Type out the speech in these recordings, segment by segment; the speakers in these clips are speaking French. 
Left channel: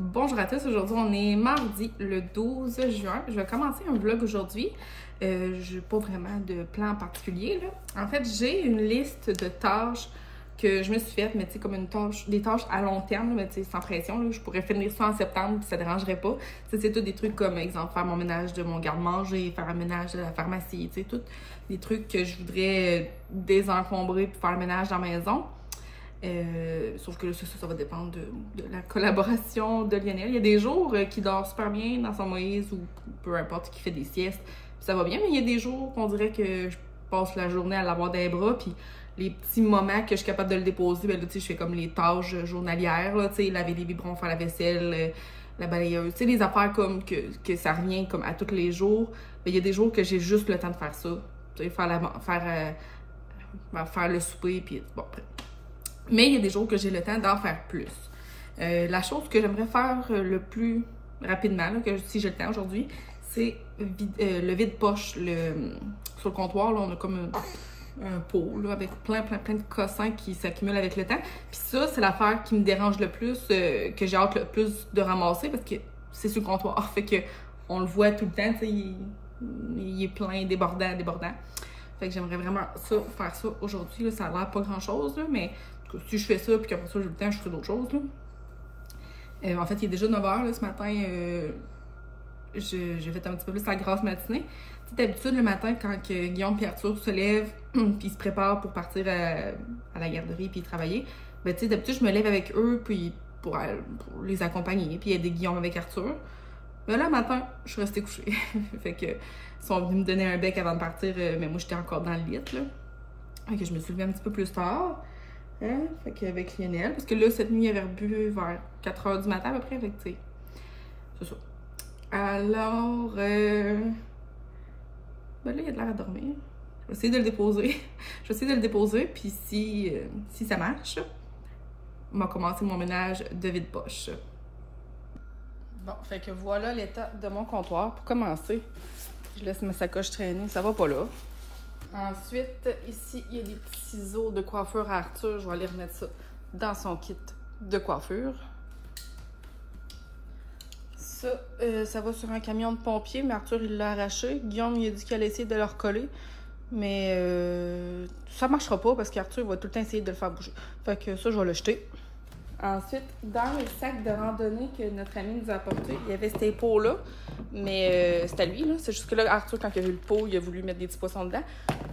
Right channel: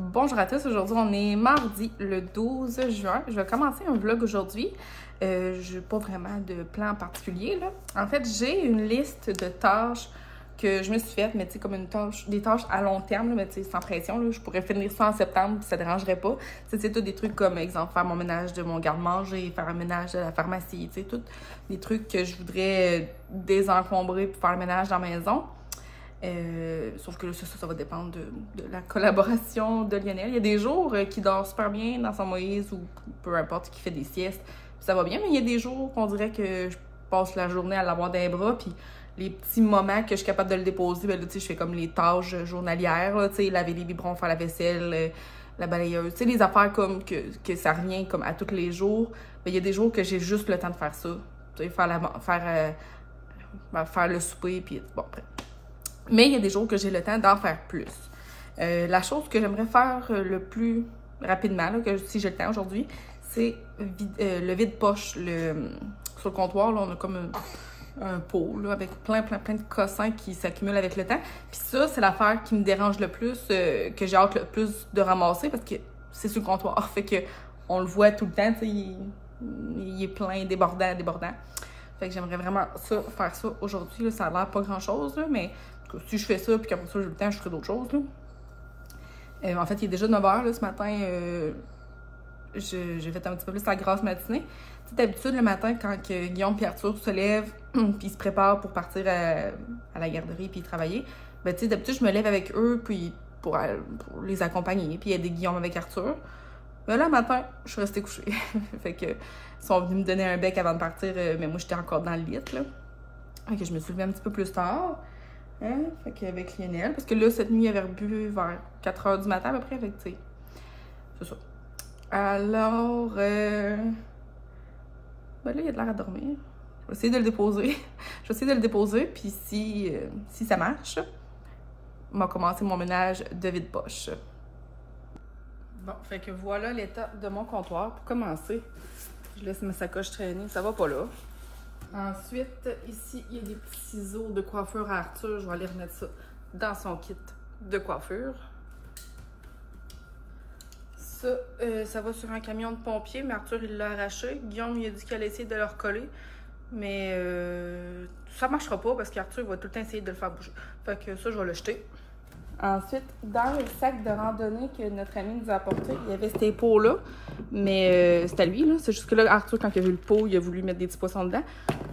Bonjour à tous, aujourd'hui on est mardi le 12 juin. Je vais commencer un vlog aujourd'hui. Je n'ai pas vraiment de plan particulier là. En fait, j'ai une liste de tâches que je me suis faite, mais tu sais, comme des tâches à long terme, là, mais tu sais, sans pression. Là, je pourrais finir ça en septembre, ça ne dérangerait pas. C'est tout des trucs comme, exemple, faire mon ménage de mon garde-manger, faire un ménage de la pharmacie, tu sais, tout des trucs que je voudrais désencombrer pour faire le ménage dans la maison. Sauf que là, ça va dépendre de la collaboration de Lionel. Il y a des jours qui dort super bien dans son Moïse ou peu importe, qui fait des siestes, puis ça va bien, mais il y a des jours qu'on dirait que je passe la journée à l'avoir dans les bras, puis les petits moments que je suis capable de le déposer, ben là, tu sais, je fais comme les tâches journalières, tu sais, laver les biberons, faire la vaisselle, la balayeuse, tu sais, les affaires comme que ça revient comme à tous les jours. Ben, il y a des jours que j'ai juste le temps de faire ça, tu sais, faire le souper, puis bon, après. Mais il y a des jours que j'ai le temps d'en faire plus. La chose que j'aimerais faire le plus rapidement, là, si j'ai le temps aujourd'hui, c'est le vide-poche. Sur le comptoir, là, on a comme un pot là, avec plein de cossins qui s'accumulent avec le temps. Puis ça, c'est l'affaire qui me dérange le plus, que j'ai hâte le plus de ramasser parce que c'est sur le comptoir. Fait que on le voit tout le temps, tu sais, il est plein, débordant. Fait que j'aimerais vraiment faire ça aujourd'hui. Ça a l'air pas grand-chose, mais si je fais ça, puis qu'après ça, j'ai le temps, je ferai d'autres choses. En fait, il est déjà 9 h là, ce matin. J'ai fait un petit peu plus la grasse matinée. Tu sais, d'habitude, le matin, quand Guillaume et Arthur se lèvent, puis ils se préparent pour partir à la garderie puis travailler, ben, tu sais, d'habitude, je me lève avec eux, puis pour les accompagner, puis aider Guillaume avec Arthur. Mais là, le matin, je suis restée couchée. Fait que, ils sont venus me donner un bec avant de partir, mais moi, j'étais encore dans le lit, là. Fait que je me suis levée un petit peu plus tard. Hein? Fait qu'avec Lionel, parce que là, cette nuit, il avait bu vers 4 h du matin à peu près, fait que, tu sais, c'est ça. Alors, ben là, il a de l'air à dormir. Je vais essayer de le déposer. Puis si ça marche, on va commencer mon ménage de vide-poche. Bon, fait que voilà l'état de mon comptoir. Pour commencer, je laisse ma sacoche traîner, ça va pas là. Ensuite, ici, il y a des petits ciseaux de coiffure à Arthur. Je vais aller remettre ça dans son kit de coiffure. Ça va sur un camion de pompiers, mais Arthur, il l'a arraché. Guillaume, il a dit qu'il allait essayer de le recoller. Mais ça marchera pas parce qu'Arthur va tout le temps essayer de le faire bouger. Fait que ça, je vais le jeter. Ensuite, dans le sac de randonnée que notre ami nous a apporté, il y avait ces pots-là, mais c'est à lui, là. C'est juste que là, Arthur, quand il a vu le pot, il a voulu mettre des petits poissons dedans.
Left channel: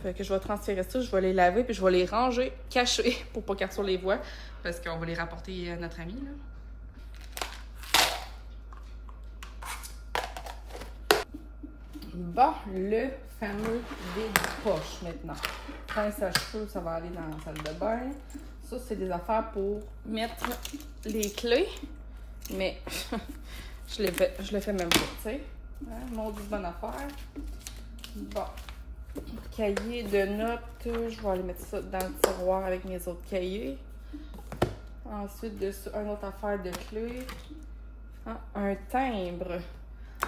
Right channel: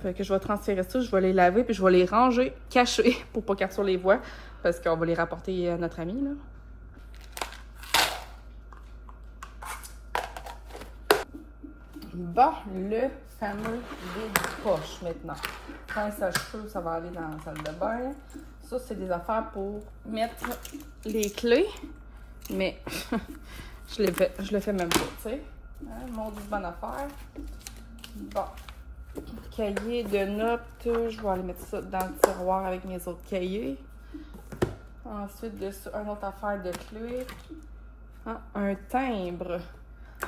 Fait que je vais transférer ça, je vais les laver, puis je vais les ranger cachés pour pas qu'Arthur les voie, parce qu'on va les rapporter à notre ami, là. Bon, le fameux vide-poche maintenant. Pince à cheveux, ça va aller dans la salle de bain. Ça, c'est des affaires pour mettre les clés, mais je le fais même pas, tu sais. Hein, mon Dieu, bonne affaire. Bon, cahier de notes, je vais aller mettre ça dans le tiroir avec mes autres cahiers. Ensuite de ça, une autre affaire de clés. Ah, un timbre.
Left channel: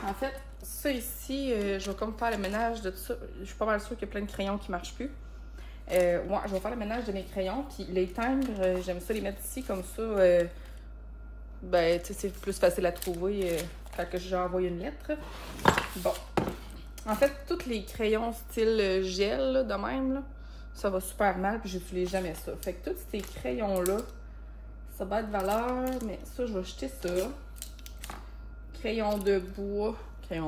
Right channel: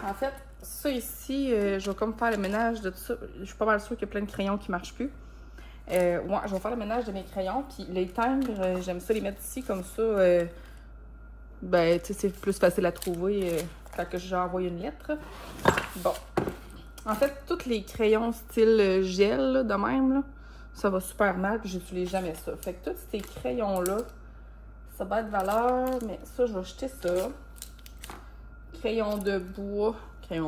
En fait, ça ici, je vais comme faire le ménage de tout ça. Je suis pas mal sûre qu'il y a plein de crayons qui ne marchent plus. Moi, je vais faire le ménage de mes crayons. Puis les timbres, j'aime ça les mettre ici comme ça. Ben, tu sais, c'est plus facile à trouver quand j'ai envoyé une lettre. Bon. En fait, tous les crayons style gel, là, de même, là, ça va super mal. Puis j'utilise jamais ça. Fait que tous ces crayons-là, ça va être valeur. Mais ça, je vais jeter ça. Crayon de bois. Il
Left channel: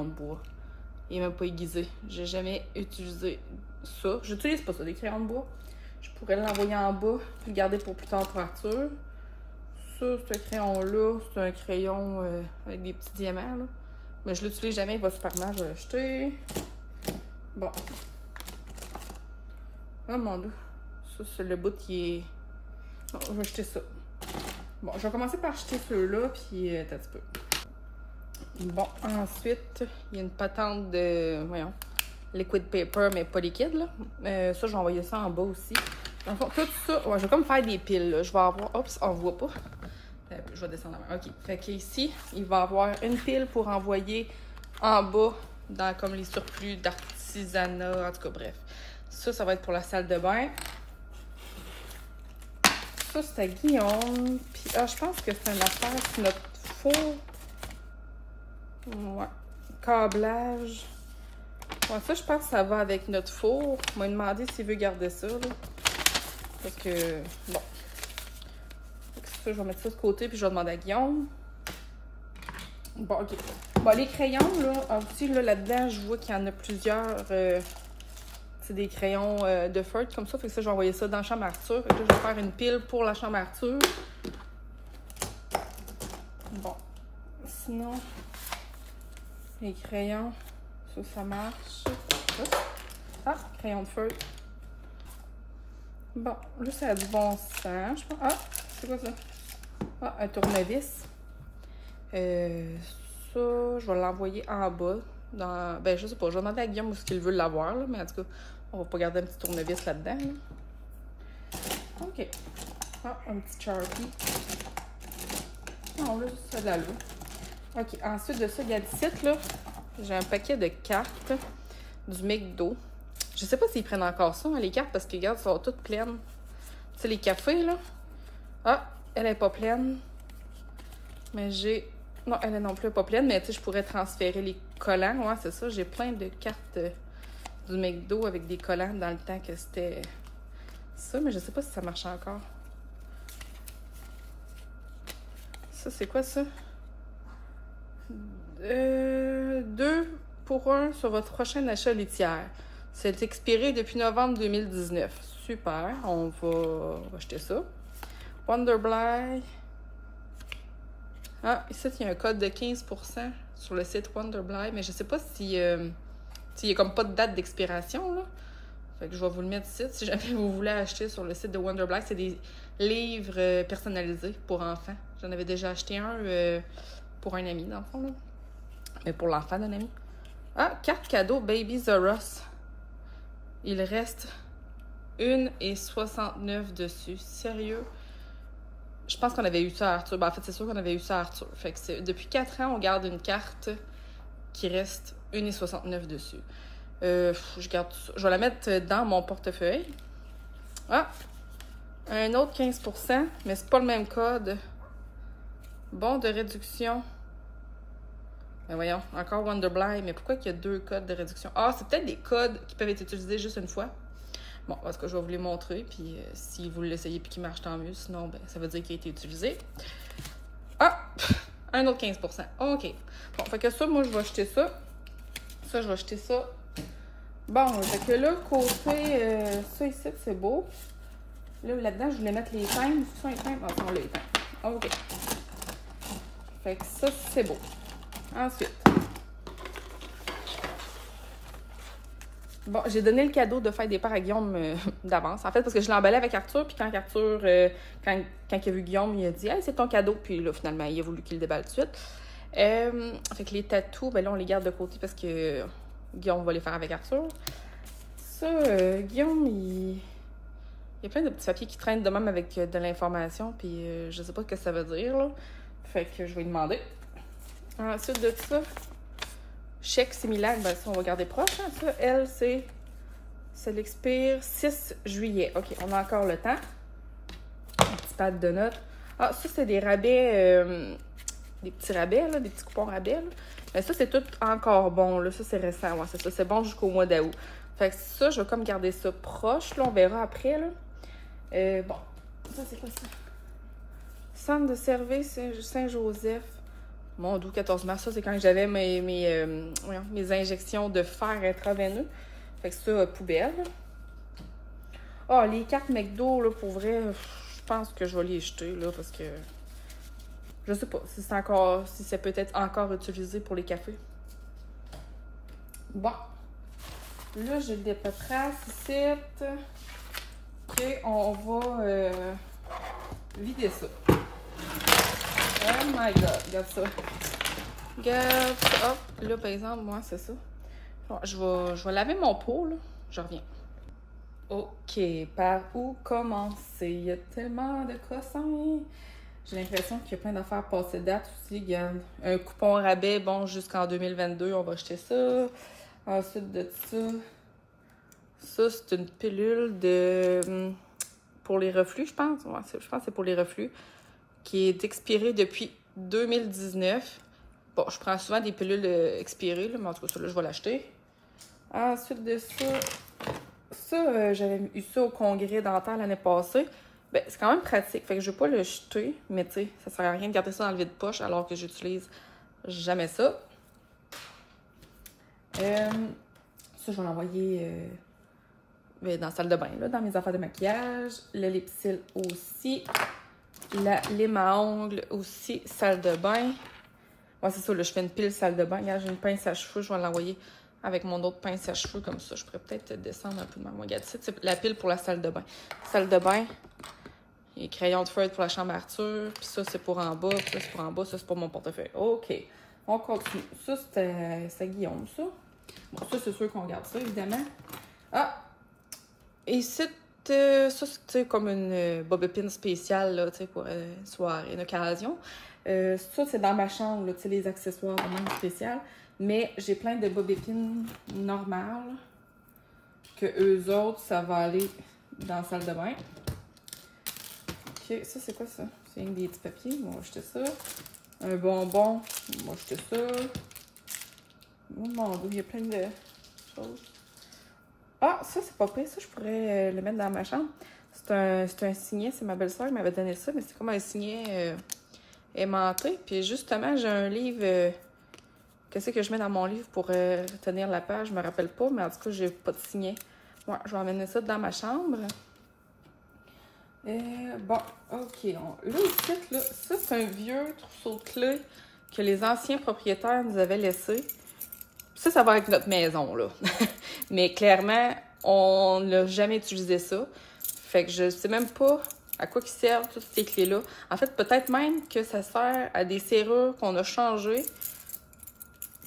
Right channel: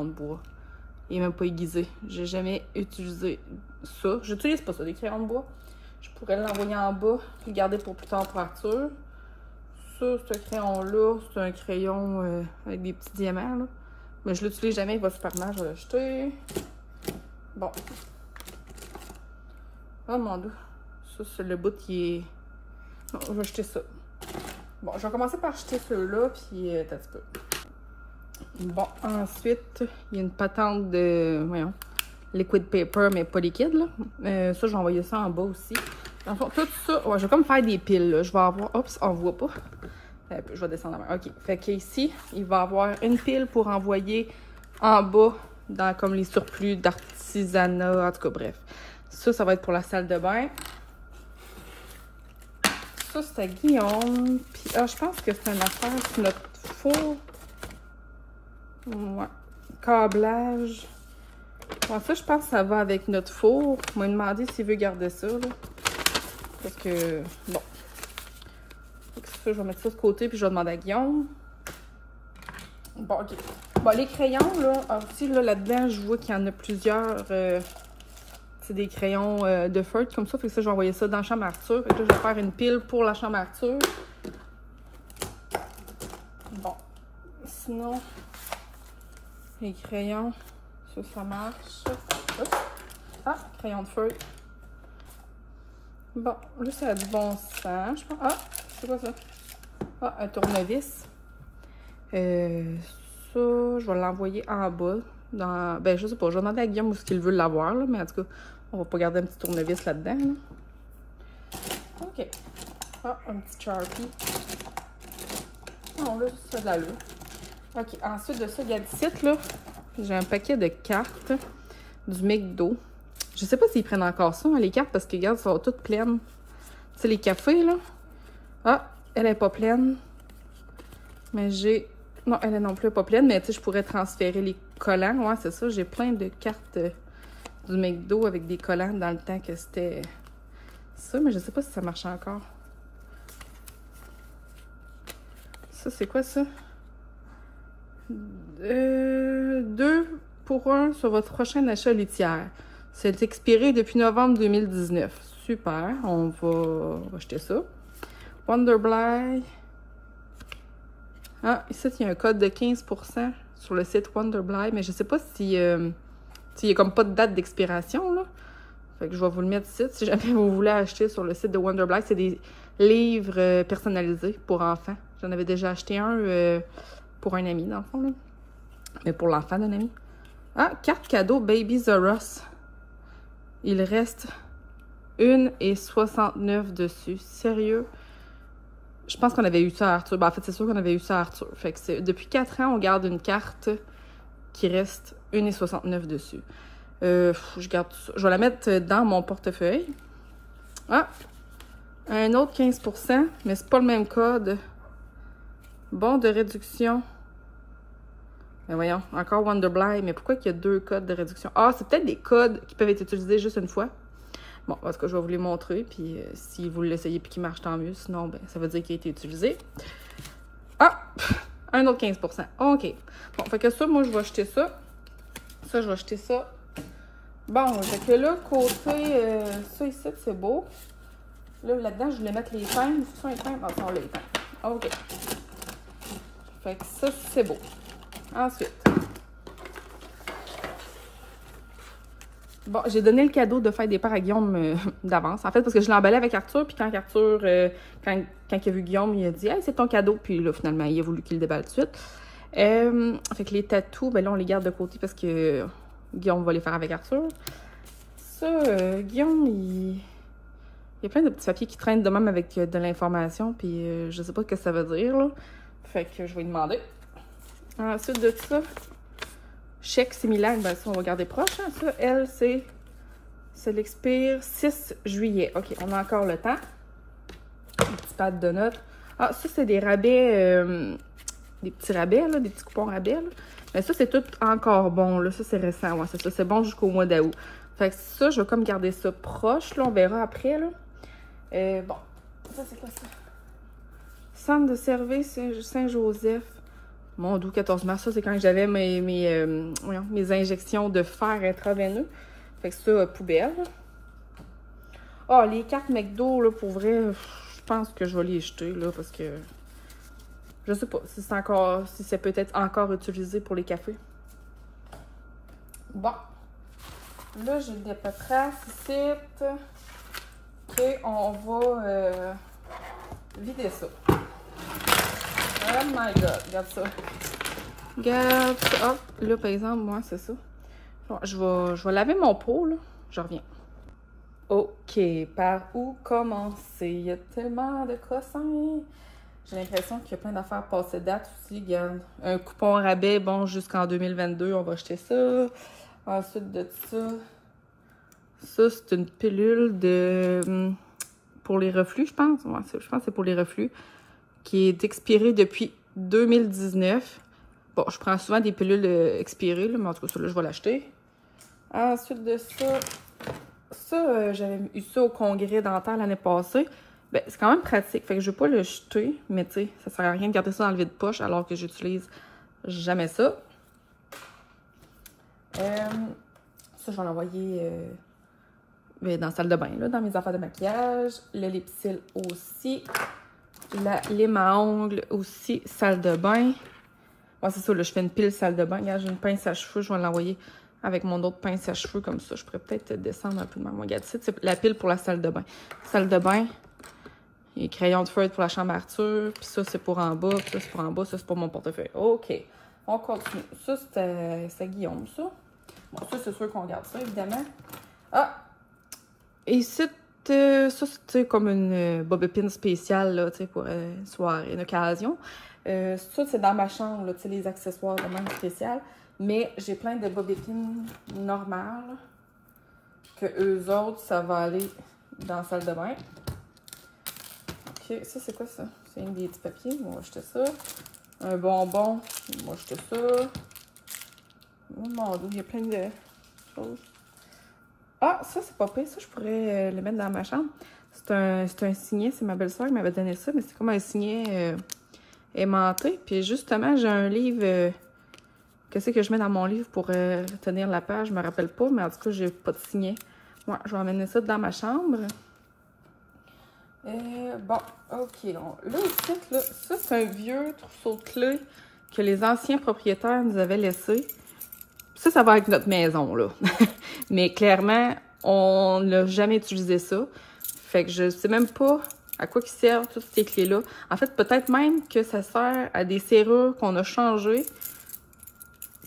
n'est même pas aiguisé. J'ai jamais utilisé ça. J'utilise pas ça, des crayons de bois. Je pourrais l'envoyer en bas et le garder pour plus tard pour Arthur. Ça, ce crayon-là, c'est un crayon avec des petits diamants. Là. Mais je l'utilise jamais, il va super mal, je vais le jeter. Bon. Oh mon Dieu. Ça, c'est le bout qui est... On va jeter ça. Bon, je vais commencer par jeter ceux-là, puis t'as un petit peu. Bon, ensuite, il y a une patente de, voyons, liquid paper, mais pas liquide, là. Ça, j'ai envoyé ça en bas aussi. Donc, tout ça, ouais, je vais comme faire des piles, là. Je vais avoir, oups, on voit pas. Je vais descendre la main. OK, fait qu'ici, il va y avoir une pile pour envoyer en bas, dans comme les surplus d'artisanat, en tout cas, bref. Ça va être pour la salle de bain. Ça, c'est à Guillaume. Puis, je pense que c'est un affaire que notre four. Ouais. Câblage. Bon, ça, je pense que ça va avec notre four. On m'a demandé s'il veut garder ça. Là. Fait que, bon. Fait que ça, je vais mettre ça de côté, puis je vais demander à Guillaume. Bon, ok. Bon, les crayons, là, aussi, là-dedans, je vois qu'il y en a plusieurs. C'est des crayons de feutre comme ça. Fait que ça, je vais envoyer ça dans la chambre Arthur. Fait que là, je vais faire une pile pour la chambre Arthur. Bon. Sinon, les crayons, ça marche. Oups. Ah, crayon de feutre. Bon, là, ça a du bon sens, je pense. Ah, c'est quoi ça? Ah, un tournevis. Ça, je vais l'envoyer en bas. Dans... Ben, je sais pas, je vais demander à Guillaume où est-ce qu'il veut l'avoir, là, mais en tout cas, on va pas garder un petit tournevis là-dedans. Là. OK. Ah, un petit Sharpie. Non, là, ça de l'allure. OK, ensuite de ça, il y a le site, là. J'ai un paquet de cartes du McDo. Je sais pas s'ils prennent encore ça, hein, les cartes, parce que, regarde, elles sont toutes pleines. C'est les cafés, là. Ah, elle est pas pleine. Mais j'ai... Non, elle est non plus pas pleine, mais tu sais, je pourrais transférer les collants. Ouais, c'est ça. J'ai plein de cartes du McDo avec des collants dans le temps que c'était ça, mais je sais pas si ça marche encore. Ça, c'est quoi ça? 2 pour 1 sur votre prochain achat litière. C'est expiré depuis novembre 2019. Super, on va acheter ça. Wonderblind. Ah, ici, il y a un code de 15% sur le site Wonderblind, mais je sais pas si s'il n'y a comme pas de date d'expiration, là. Fait que je vais vous le mettre ici. Si jamais vous voulez acheter sur le site de Wonderblind, c'est des livres personnalisés pour enfants. J'en avais déjà acheté un pour un ami, dans le fond, là. Mais pour l'enfant d'un ami. Ah, carte cadeau Baby Zoros. Il reste 1,69 dessus. Sérieux? Je pense qu'on avait eu ça à Arthur. Ben, en fait, c'est sûr qu'on avait eu ça à Arthur. Fait que depuis 4 ans, on garde une carte qui reste 1,69 dessus. Je garde ça. Je vais la mettre dans mon portefeuille. Ah! Un autre 15%, mais c'est pas le même code. Bon de réduction. Mais voyons, encore Wonderblind. Mais pourquoi il y a 2 codes de réduction? Ah, c'est peut-être des codes qui peuvent être utilisés juste une fois. Bon, parce que je vais vous les montrer. Puis si vous l'essayez et qu'il marche, tant mieux. Sinon, ben, ça veut dire qu'il a été utilisé. Ah! Un autre 15%. OK. Bon, fait que ça, moi, je vais acheter ça. Ça, je vais acheter ça. Bon, fait que là, côté... ça ici, c'est beau. Là-dedans, je voulais mettre les teintes. Ah, ça, on les teintes. OK. Fait que ça, c'est beau. Ensuite. Bon, j'ai donné le cadeau de faire des parts à Guillaume d'avance. En fait, parce que je l'ai emballé avec Arthur. Puis quand Arthur, quand il a vu Guillaume, il a dit hey, c'est ton cadeau. Puis là, finalement, il a voulu qu'il le déballe tout de suite. Fait que les tatous, ben là, on les garde de côté parce que Guillaume va les faire avec Arthur. Ça, Guillaume, il y a plein de petits papiers qui traînent de même avec de l'information. Puis je sais pas ce que ça veut dire, là. Fait que je vais lui demander. Ensuite de ça, chèque similaire, ben ça, on va garder proche. Hein, ça, elle, ça l'expire 6 juillet. OK, on a encore le temps. Un petit pad de notes. Ah, ça, c'est des rabais, des petits rabais, là, des petits coupons rabais. Là. Mais ça, c'est tout encore bon. Là. Ça, c'est récent. Ouais, c'est ça. C'est bon jusqu'au mois d'août. Fait que ça, je vais comme garder ça proche. Là, on verra après. Là. Bon, ça, c'est quoi ça? Centre de service Saint-Joseph. Mon doux 14 mars, ça c'est quand j'avais mes injections de fer intraveineux. Fait que ça, poubelle. Ah, les cartes McDo, là, pour vrai, je pense que je vais les jeter, là, parce que je sais pas si c'est encore, si c'est peut-être encore utilisé pour les cafés. Bon. Là, j'ai des patraces ici. OK, on va vider ça. Oh my god, regarde ça. Regarde. Oh, là, par exemple, moi, c'est ça. Bon, je vais laver mon pot, là. Je reviens. OK, par où commencer? Il y a tellement de croissants. J'ai l'impression qu'il y a plein d'affaires passées date aussi. Regarde, un coupon rabais, bon, jusqu'en 2022, on va acheter ça. Ensuite de ça, c'est une pilule pour les reflux, je pense. Ouais, je pense que c'est pour les reflux. Qui est expiré depuis 2019. Bon, je prends souvent des pilules expirées, là, mais en tout cas, ça, là, je vais l'acheter. Ensuite de ça, j'avais eu ça au congrès dentaire l'année passée. Ben, c'est quand même pratique, fait que je vais pas le jeter, mais tu sais, ça sert à rien de garder ça dans le vide-poche alors que j'utilise jamais ça. Ça, je vais l'envoyer dans la salle de bain, là, dans mes affaires de maquillage. Le Lipsil aussi. La lime à ongles aussi, salle de bain. Ouais, c'est ça, là, je fais une pile salle de bain. Regarde, j'ai une pince à cheveux, je vais l'envoyer avec mon autre pince à cheveux comme ça. Je pourrais peut-être descendre un peu de ma regarde. C'est la pile pour la salle de bain. Salle de bain. Et crayon de feuille pour la chambre Arthur. Puis ça, c'est pour en bas. Puis ça, c'est pour en bas. Ça, c'est pour mon portefeuille. OK. On continue. Ça, c'était Guillaume, ça. Bon, ça, c'est sûr qu'on regarde ça, évidemment. Ah! Et ça, c'est comme une bobépine spéciale, là, tu sais, pour une soirée, une occasion. Ça, c'est dans ma chambre, là, tu sais, les accessoires de même spécial. Mais j'ai plein de bobépines normales. Que eux autres, ça va aller dans la salle de bain. OK, ça, c'est quoi ça? C'est des petits papiers. On va jeter ça. Un bonbon. On va jeter ça. Oh mon Dieu, il y a plein de choses. Ah, ça, c'est pas pire. Ça, je pourrais le mettre dans ma chambre. C'est un signet. C'est ma belle-sœur qui m'avait donné ça. Mais c'est comme un signet aimanté. Puis justement, j'ai un livre. Qu'est-ce que je mets dans mon livre pour tenir la page? Je me rappelle pas. Mais en tout cas, j'ai pas de signet. Ouais, je vais emmener ça dans ma chambre. Bon, OK. Là, aussi, là, ça, c'est un vieux trousseau de clés que les anciens propriétaires nous avaient laissé. Ça va avec notre maison, là. Mais clairement, on n'a jamais utilisé ça. Fait que je sais même pas à quoi ils servent toutes ces clés-là. En fait, peut-être même que ça sert à des serrures qu'on a changées.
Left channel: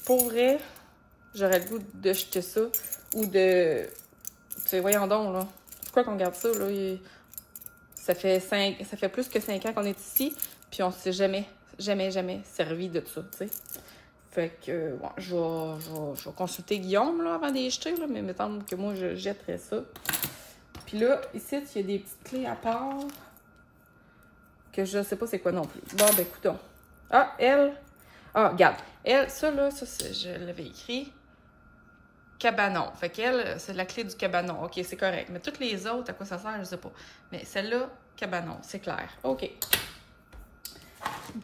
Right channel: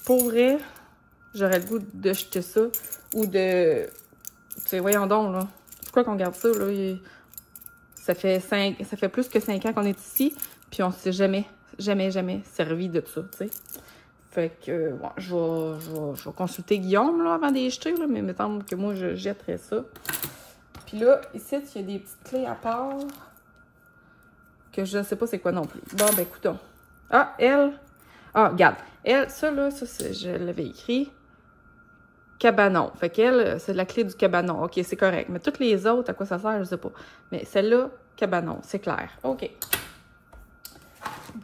Pour vrai, j'aurais le goût de jeter ça. Ou de... Tu sais, voyons donc, là. Pourquoi qu'on garde ça, là? Ça fait plus que 5 ans qu'on est ici, puis on s'est jamais servi de ça, tu sais. Fait que, bon, je vais consulter Guillaume, là, avant de les jeter, là, mais il me semble que moi, je jetterais ça. Puis là, ici, il y a des petites clés à part que je ne sais pas c'est quoi non plus. Bon, ben, écoutons. Ah, elle. Ah, regarde. Elle, ça, là, je l'avais écrit. Cabanon. Fait qu'elle, c'est la clé du cabanon. OK, c'est correct. Mais toutes les autres, à quoi ça sert, je sais pas. Mais celle-là, cabanon, c'est clair. OK.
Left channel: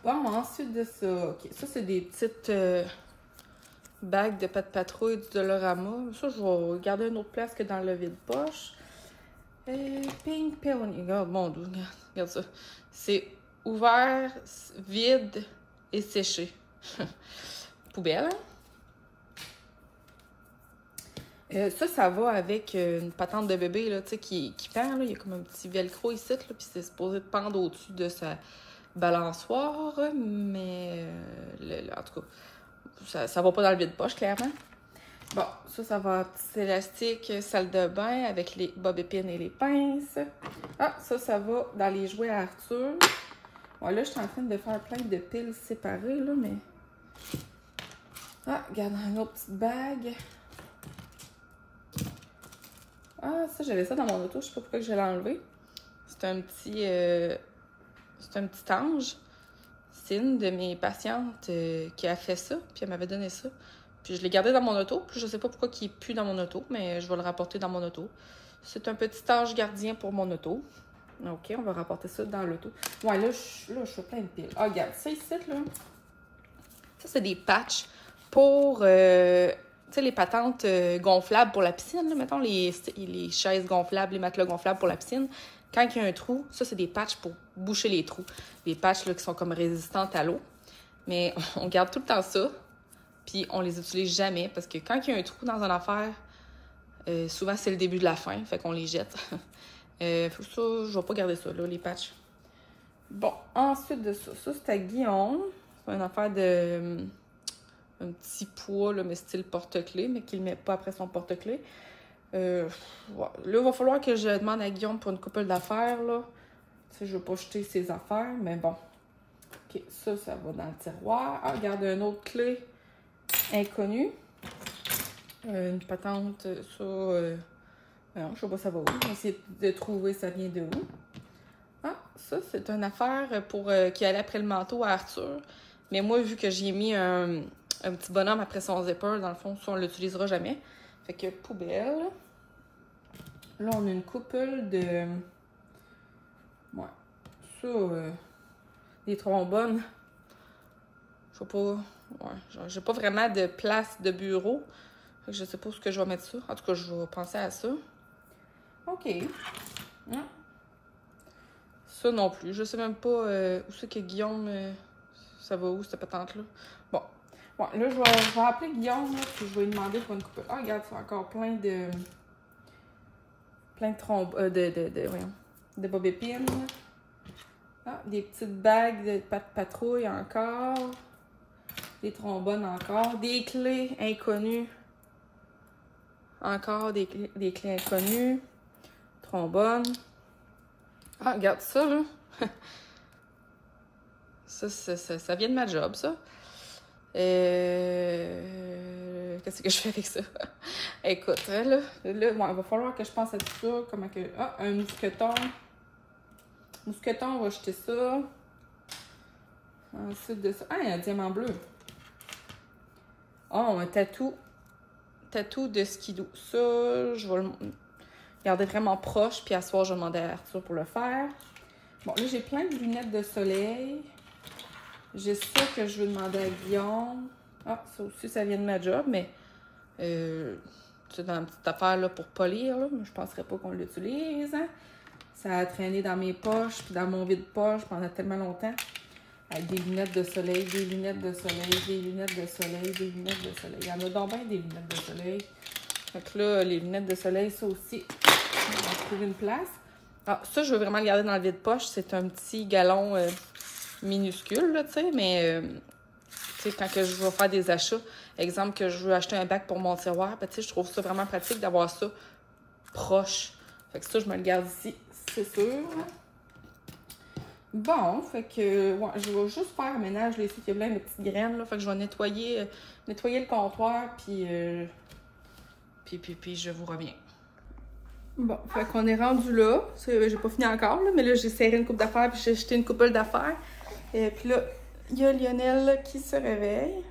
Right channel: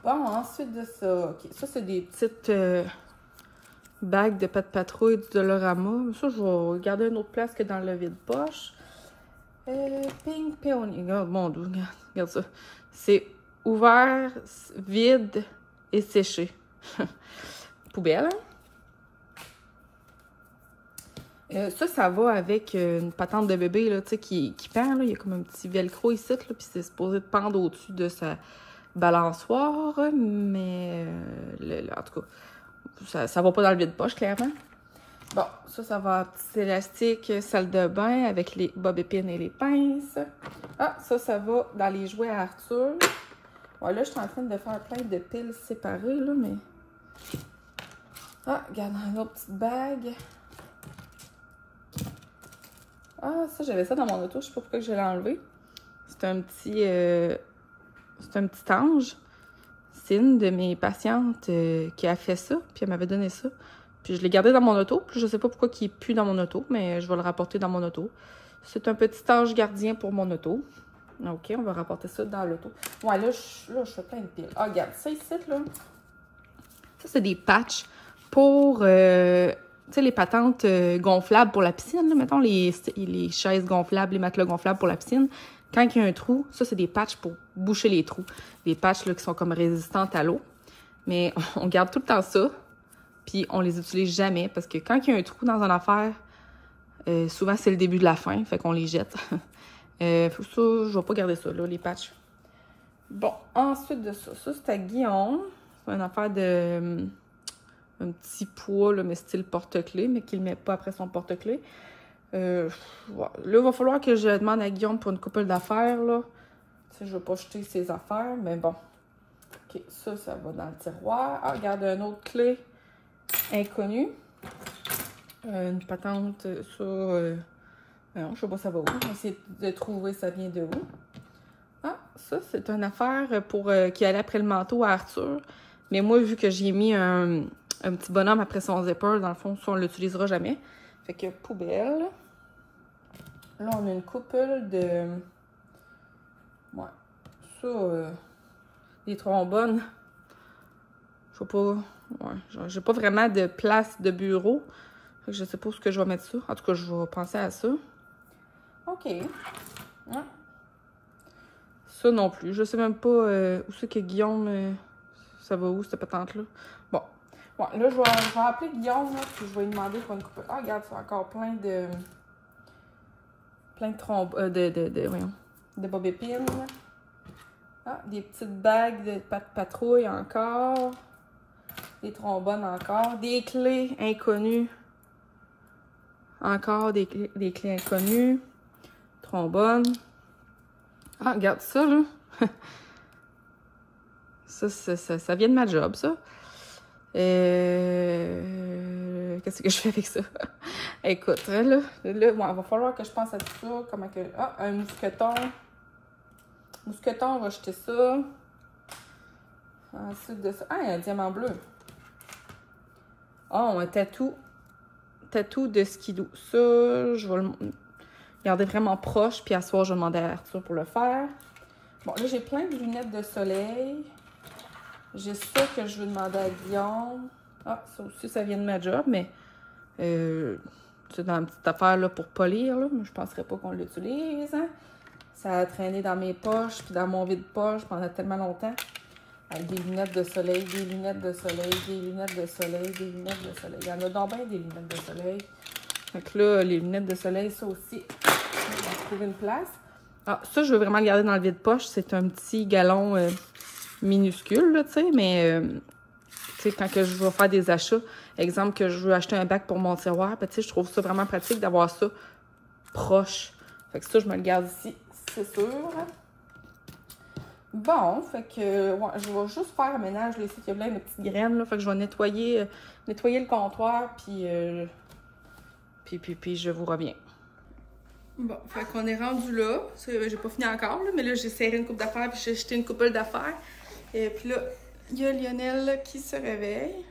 Bon, ensuite de ça, OK. Ça, c'est des petites bagues de pâte patrouille de Dolorama. Ça, je vais garder une autre place que dans le vide-poche. Pink Peony. Oh, mon Dieu, regarde ça. C'est ouvert, vide et séché. Poubelle, hein? Ça va avec une patente de bébé, là, tu sais, qui pend, là. Il y a comme un petit velcro ici, là, puis c'est supposé de pendre au-dessus de sa balançoire, mais en tout cas, ça va pas dans le vide-poche, clairement. Bon, ça va petit élastique, salle de bain, avec les bobépines et les pinces. Ah, ça va dans les jouets à Arthur. Ouais, là, je suis en train de faire plein de piles séparées, là, mais... Ah, regarde, une autre petite bague. Ah, ça, j'avais ça dans mon auto. Je sais pas pourquoi je l'ai enlevé. C'est un petit ange. C'est une de mes patientes qui a fait ça. Puis elle m'avait donné ça. Puis je l'ai gardé dans mon auto. Puis je sais pas pourquoi il est plus dans mon auto. Mais je vais le rapporter dans mon auto. C'est un petit ange gardien pour mon auto. OK, on va rapporter ça dans l'auto. Ouais, là, je fais plein de piles. Ah, regarde, ça ici, là. Ça, c'est des patchs pour... tu sais, les patentes gonflables pour la piscine, là, mettons, les chaises gonflables, les matelas gonflables pour la piscine. Quand il y a un trou, ça, c'est des patchs pour boucher les trous. Des patchs là, qui sont comme résistantes à l'eau. Mais on garde tout le temps ça, puis on les utilise jamais, parce que quand il y a un trou dans une affaire, souvent, c'est le début de la fin, fait qu'on les jette. Ça, je vais pas garder ça, là, les patchs. Bon, ensuite de ça, c'est à Guillaume. C'est une affaire de... un petit poids, là, mais style porte-clés, mais qu'il ne met pas après son porte-clés. Ouais. Là, il va falloir que je demande à Guillaume pour une couple d'affaires, là. Tu sais, je ne vais pas jeter ses affaires, mais bon. OK, ça va dans le tiroir. Ah, regarde, une autre clé inconnue. Une patente sur... non, je sais pas ça va où. Je vais essayer de trouver ça vient de où. Ah, ça, c'est une affaire pour qui allait après le manteau à Arthur. Mais moi, vu que j'ai mis un petit bonhomme après son zipper, dans le fond, ça, on l'utilisera jamais. Fait que poubelle. Là, on a une couple de... Ouais. Ça, des trombones. Je sais pas... Ouais, j'ai pas vraiment de place de bureau. Fait que je sais pas où ce que je vais mettre ça. En tout cas, je vais penser à ça. OK. Ouais. Ça non plus. Je sais même pas où c'est que Guillaume... ça va où, cette patente-là? Bon. Ouais, là, je vais appeler Guillaume, là, puis je vais lui demander pour une coupe. Ah, regarde, c'est encore plein de trompes... de bobépines. Ah, des petites bagues de patrouille encore. Des trombones encore. Des clés inconnues. Encore des clés inconnues. Trombones. Ah, regarde ça, là. Ça vient de ma job, ça. Qu'est-ce que je fais avec ça? Écoute, là bon, il va falloir que je pense à tout ça. Comment que... Ah, un mousqueton. Mousqueton, on va jeter ça. Ensuite de ça... Ah, il y a un diamant bleu. Ah, un tatou. Tatou de skidoo. Ça, je vais le garder vraiment proche. Puis à soir, je vais demander à Arthur pour le faire. Bon, là, j'ai plein de lunettes de soleil. J'ai ça que je veux demander à Guillaume. Ah, ça aussi, ça vient de ma job, mais c'est dans une petite affaire là, pour polir. Là, mais je ne penserais pas qu'on l'utilise. Hein. Ça a traîné dans mes poches, puis dans mon vide-poche pendant tellement longtemps. Avec des lunettes de soleil, des lunettes de soleil, des lunettes de soleil, des lunettes de soleil. Il y en a donc bien des lunettes de soleil. Donc là, les lunettes de soleil, ça aussi, on va trouver une place. Ah, ça, je veux vraiment le garder dans le vide-poche. C'est un petit galon minuscule, là, tu sais, mais tu sais, quand que je vais faire des achats, exemple que je veux acheter un bac pour mon tiroir, ben, tu sais, je trouve ça vraiment pratique d'avoir ça proche. Fait que ça, je me le garde ici, c'est sûr. Bon, fait que, ouais, je vais juste faire le ménage, là, ici, il y a plein de petites graines, là, fait que je vais nettoyer le comptoir, puis je vous reviens. Bon, fait qu'on est rendu là. J'ai pas fini encore, là, mais là, j'ai serré une coupe d'affaires, puis j'ai jeté une couple d'affaires. Et puis là, il y a Lionel là, qui se réveille.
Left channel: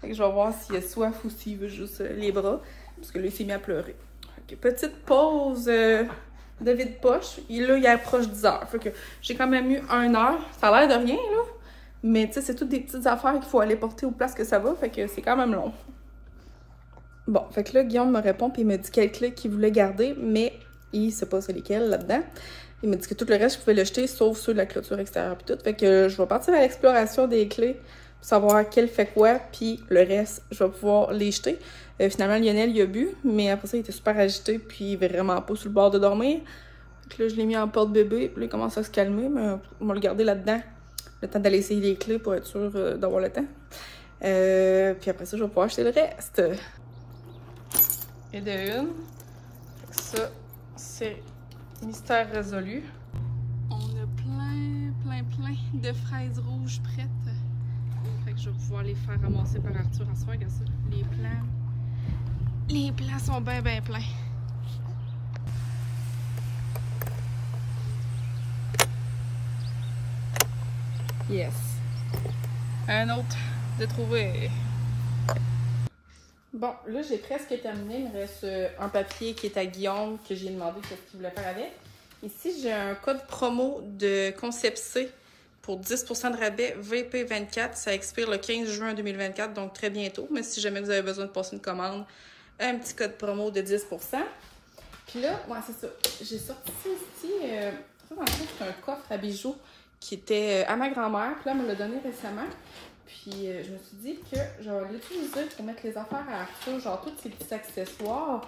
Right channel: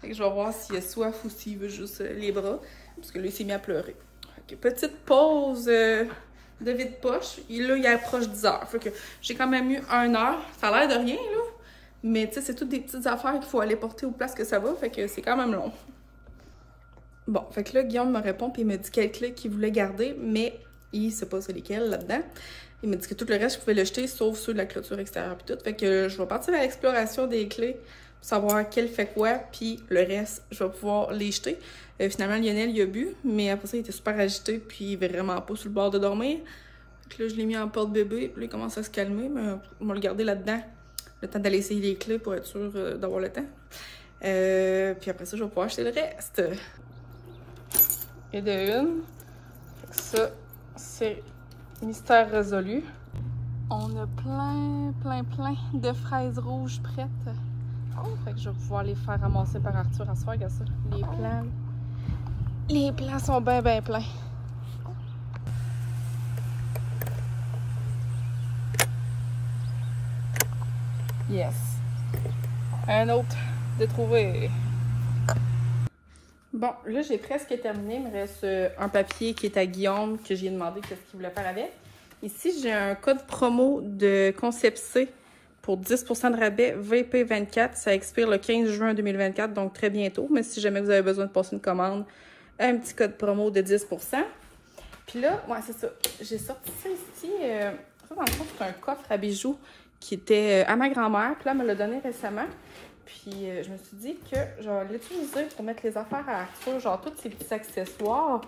Fait que je vais voir s'il a soif ou s'il veut juste les bras, parce que là, il s'est mis à pleurer. Fait que petite pause de vide-poche. Là, il approche 10 heures. Fait que j'ai quand même eu 1 heure. Ça a l'air de rien, là. Mais tu sais, c'est toutes des petites affaires qu'il faut aller porter aux places que ça va. Fait que c'est quand même long. Bon, fait que là, Guillaume me répond puis il me dit quelle clé qu'il voulait garder, mais il sait pas c'est lesquelles là-dedans. Il me dit que tout le reste, je pouvais le jeter, sauf ceux de la clôture extérieure puis tout. Fait que je vais partir à l'exploration des clés pour savoir quelle fait quoi, puis le reste, je vais pouvoir les jeter. Finalement, Lionel, il a bu, mais après ça, il était super agité, puis il était vraiment pas sur le bord de dormir. Fait que là, je l'ai mis en porte-bébé, puis là, il commence à se calmer, mais on va le garder là-dedans. Le temps d'aller essayer les clés pour être sûr d'avoir le temps. Puis après ça, je vais pouvoir acheter le reste. Et de une. Fait que ça, c'est mystère résolu. On a plein de fraises rouges prêtes. Fait que je vais pouvoir les faire ramasser par Arthur à soir. Regarde ça, les plants sont bien pleins. Yes. Un autre de trouver. Bon, là, j'ai presque terminé. Il me reste un papier qui est à Guillaume, que j'ai demandé ce qu'il voulait faire avec. Ici, j'ai un code promo de Concept C pour 10% de rabais VP24. Ça expire le 15 juin 2024, donc très bientôt. Mais si jamais vous avez besoin de passer une commande, un petit code promo de 10%. Puis là, ouais, c'est ça. J'ai sorti ça ici. Ça, dans le fond, c'est un coffre à bijoux qui était à ma grand-mère. Puis là, elle me l'a donné récemment. Puis je me suis dit que je vais l'utiliser pour mettre les affaires à Arthur, genre tous ces petits accessoires,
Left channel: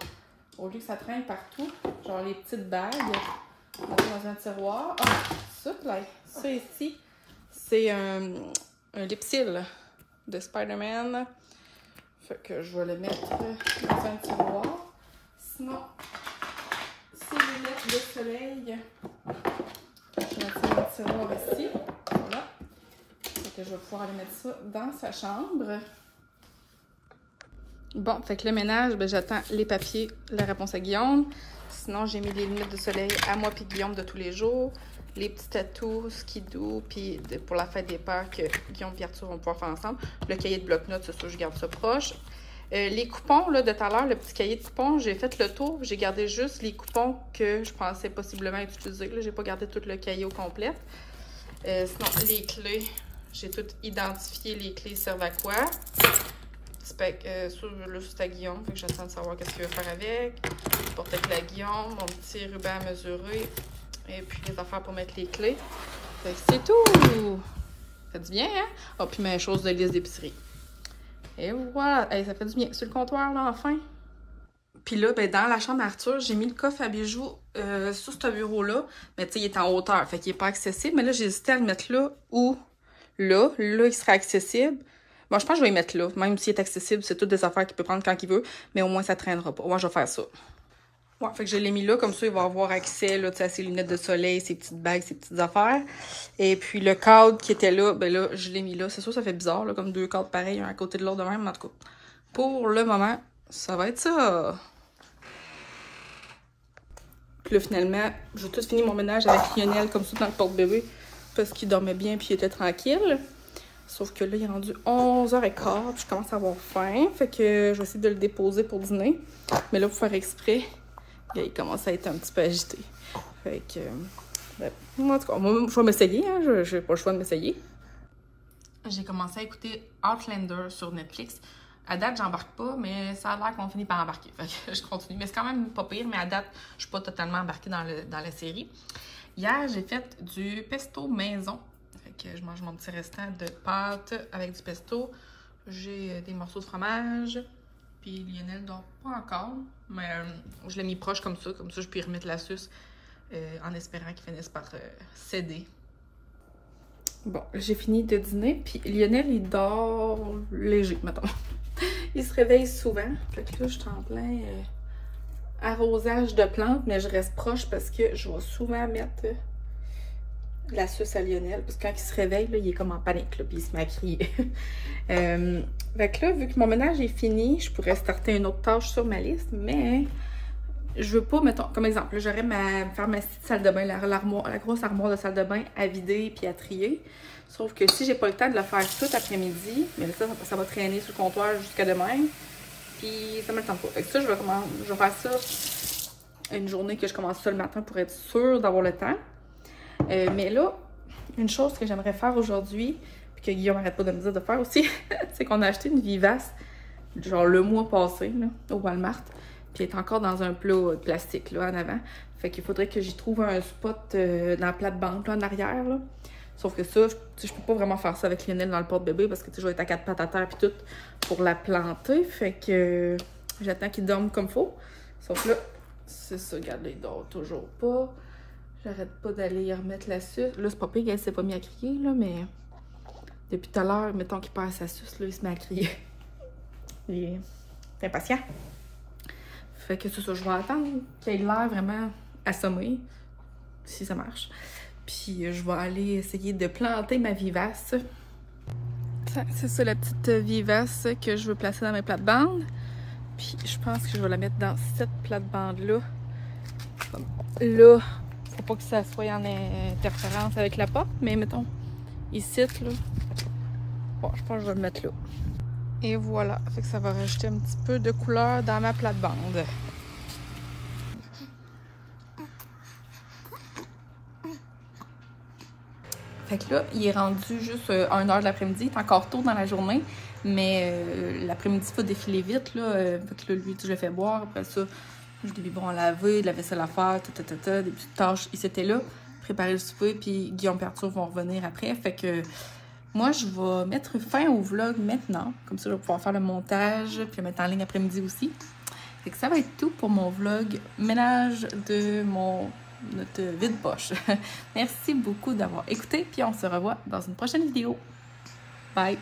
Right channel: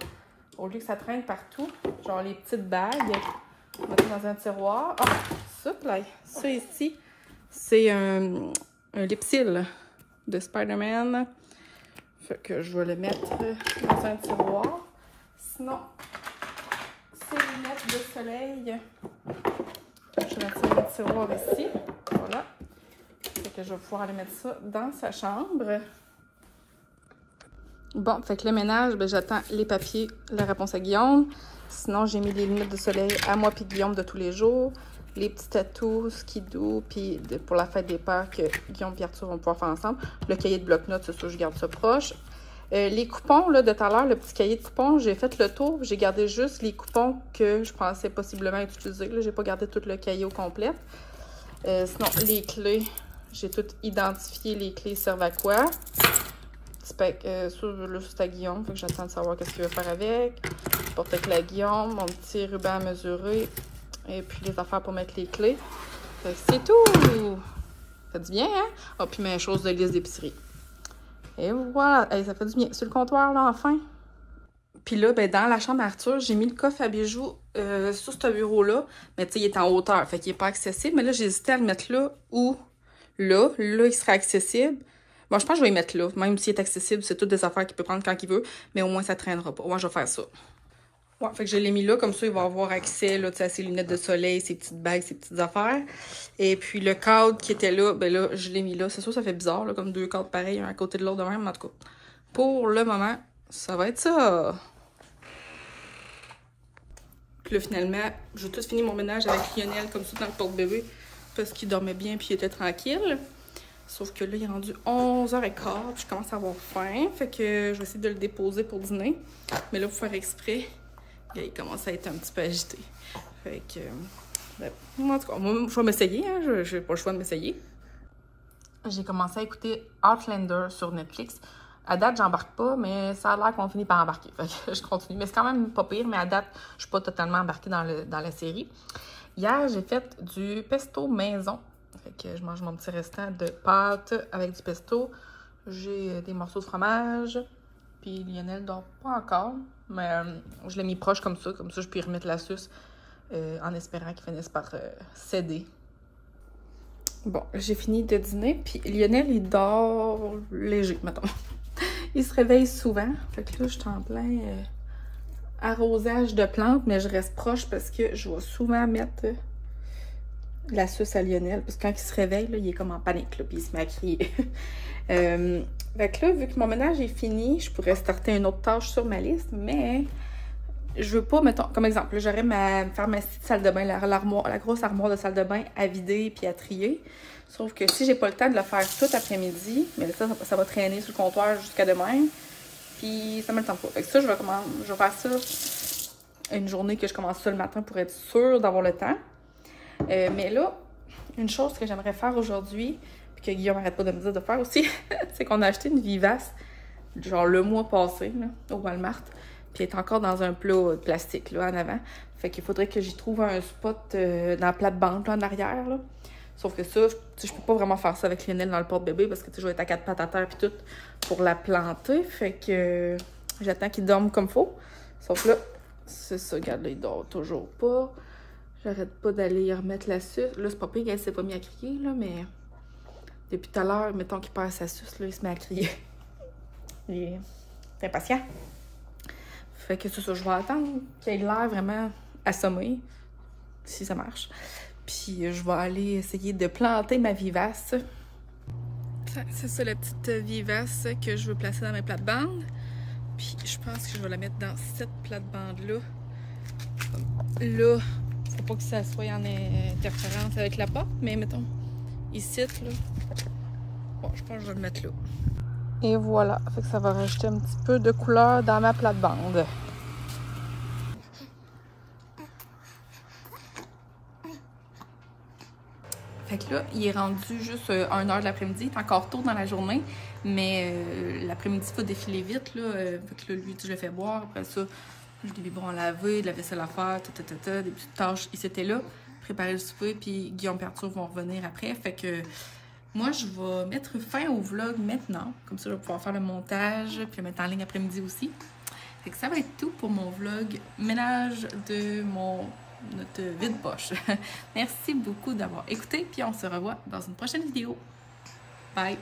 au lieu que ça traîne partout, genre les petites bagues, mettre dans un tiroir. Ah, ça, là, ça ici, c'est un lipsil de Spider-Man. Fait que je vais le mettre dans un tiroir. Sinon, ces lunettes de soleil, je vais mettre ça dans le tiroir ici. Voilà. Fait que je vais pouvoir aller mettre ça dans sa chambre. Bon, fait que le ménage, ben, j'attends les papiers, la réponse à Guillaume. Sinon, j'ai mis les lunettes de soleil à moi puis Guillaume de tous les jours. Les petits tatous, skidoo, puis pour la fête des pères que Guillaume et Arthur vont pouvoir faire ensemble. Le cahier de bloc-notes, c'est sûr, je garde ça proche. Les coupons, là, de tout à l'heure, le petit cahier de coupons, j'ai fait le tour. J'ai gardé juste les coupons que je pensais possiblement utiliser. Là, j'ai pas gardé tout le cahier au complet. Sinon, les clés, j'ai tout identifié. Les clés servent à quoi. Là, c'est à Guillaume, fait que j'attends de savoir qu'est-ce qu'il veut faire avec. Porte-clés à Guillaume, mon petit ruban à mesurer. Et puis les affaires pour mettre les clés. C'est tout! Ça fait du bien, hein? Ah, puis mes choses de liste d'épicerie. Et voilà! Hey, ça fait du bien. Sur le comptoir, là, enfin. Puis là, ben, dans la chambre d'Arthur, j'ai mis le coffre à bijoux sur ce bureau-là. Mais tu sais, il est en hauteur, fait qu'il n'est pas accessible. Mais là, j'ai hésité à le mettre là ou là. Là, il serait accessible. Bon, je pense que je vais le mettre là. Même s'il est accessible, c'est toutes des affaires qu'il peut prendre quand il veut. Mais au moins, ça ne traînera pas. Moi, je vais faire ça. Ouais, fait que je l'ai mis là, comme ça, il va avoir accès là, à ses lunettes de soleil, ses petites bagues, ses petites affaires. Et puis le cadre qui était là, ben là, je l'ai mis là. C'est sûr, ça fait bizarre, là, comme deux cadres pareils, un à côté de l'autre de même, mais en tout cas. Pour le moment, ça va être ça. Puis là, finalement, j'ai tout fini mon ménage avec Lionel, comme ça, dans le porte-bébé, parce qu'il dormait bien puis il était tranquille. Sauf que là, il est rendu 11h15, puis je commence à avoir faim. Fait que je vais essayer de le déposer pour dîner. Mais là, pour faire exprès, il commence à être un petit peu agité. Fait que, en tout cas, moi, je vais m'essayer, hein. Je n'ai pas le choix de m'essayer. J'ai commencé à écouter Outlander sur Netflix. À date, j'embarque pas, mais ça a l'air qu'on finit par embarquer. Fait que je continue. Mais c'est quand même pas pire, mais à date, je suis pas totalement embarquée dans la série. Hier, j'ai fait du pesto maison. Fait que je mange mon petit restant de pâte avec du pesto. J'ai des morceaux de fromage. Puis Lionel dort pas encore, mais je l'ai mis proche comme ça je peux y remettre la sauce en espérant qu'il finisse par céder. Bon, j'ai fini de dîner, puis Lionel, il dort léger, mettons. Il se réveille souvent, fait que là, je suis en plein arrosage de plantes, mais je reste proche parce que je vais souvent mettre la sauce à Lionel, parce que quand il se réveille, là, il est comme en panique, là, puis il se met à crier. Fait que là, vu que mon ménage est fini, je pourrais starter une autre tâche sur ma liste, mais je veux pas, mettons, comme exemple, j'aurais faire ma petite salle de bain, la grosse armoire de salle de bain à vider puis à trier. Sauf que si j'ai pas le temps de le faire tout après-midi, mais ça va traîner sur le comptoir jusqu'à demain, puis ça me le tente pas. Fait que ça, je vais faire ça une journée que je commence ça le matin pour être sûre d'avoir le temps. Mais là, une chose que j'aimerais faire aujourd'hui, que Guillaume n'arrête pas de me dire de faire aussi, c'est qu'on a acheté une Vivace, genre le mois passé, là, au Walmart, puis elle est encore dans un plat de plastique, là, en avant. Fait qu'il faudrait que j'y trouve un spot dans la plate-bande, en arrière, là. Sauf que ça, je peux pas vraiment faire ça avec Lionel dans le porte-bébé, parce que je vais être à 4 pattes à terre, puis tout, pour la planter. Fait que j'attends qu'il dorme comme faut. Sauf que là, c'est ça, regarde, il dort toujours pas. J'arrête pas d'aller y remettre la suce. Là, c'est pas pire qu'elle s'est pas mis à crier, là, mais... Depuis tout à l'heure, mettons qu'il perd sa suce, là, il se met à crier. Il est impatient. Fait que c'est ça, je vais attendre qu'il ait l'air vraiment assommé, si ça marche. Puis je vais aller essayer de planter ma Vivace. C'est ça, la petite Vivace que je veux placer dans mes plates-bandes. Puis je pense que je vais la mettre dans cette plate-bande-là. Là, faut pas que ça soit en interférence avec la porte, mais mettons, ici, là. Bon, je pense que je vais le mettre là. Et voilà, fait que ça va rajouter un petit peu de couleur dans ma plate-bande. Fait que là, il est rendu juste 1h de l'après-midi. Il est encore tôt dans la journée, mais l'après-midi, il va défiler vite, là. Fait que là, lui, je le fais boire. Après ça, j'ai des biberons à laver, de la vaisselle à faire, des petites tâches. Il s'était là, préparer le souper, puis Guillaume et Arthur vont revenir après. Fait que moi, je vais mettre fin au vlog maintenant. Comme ça, je vais pouvoir faire le montage, puis le mettre en ligne après-midi aussi. Fait que ça va être tout pour mon vlog ménage de notre vide-poche. Merci beaucoup d'avoir écouté, puis on se revoit dans une prochaine vidéo. Bye!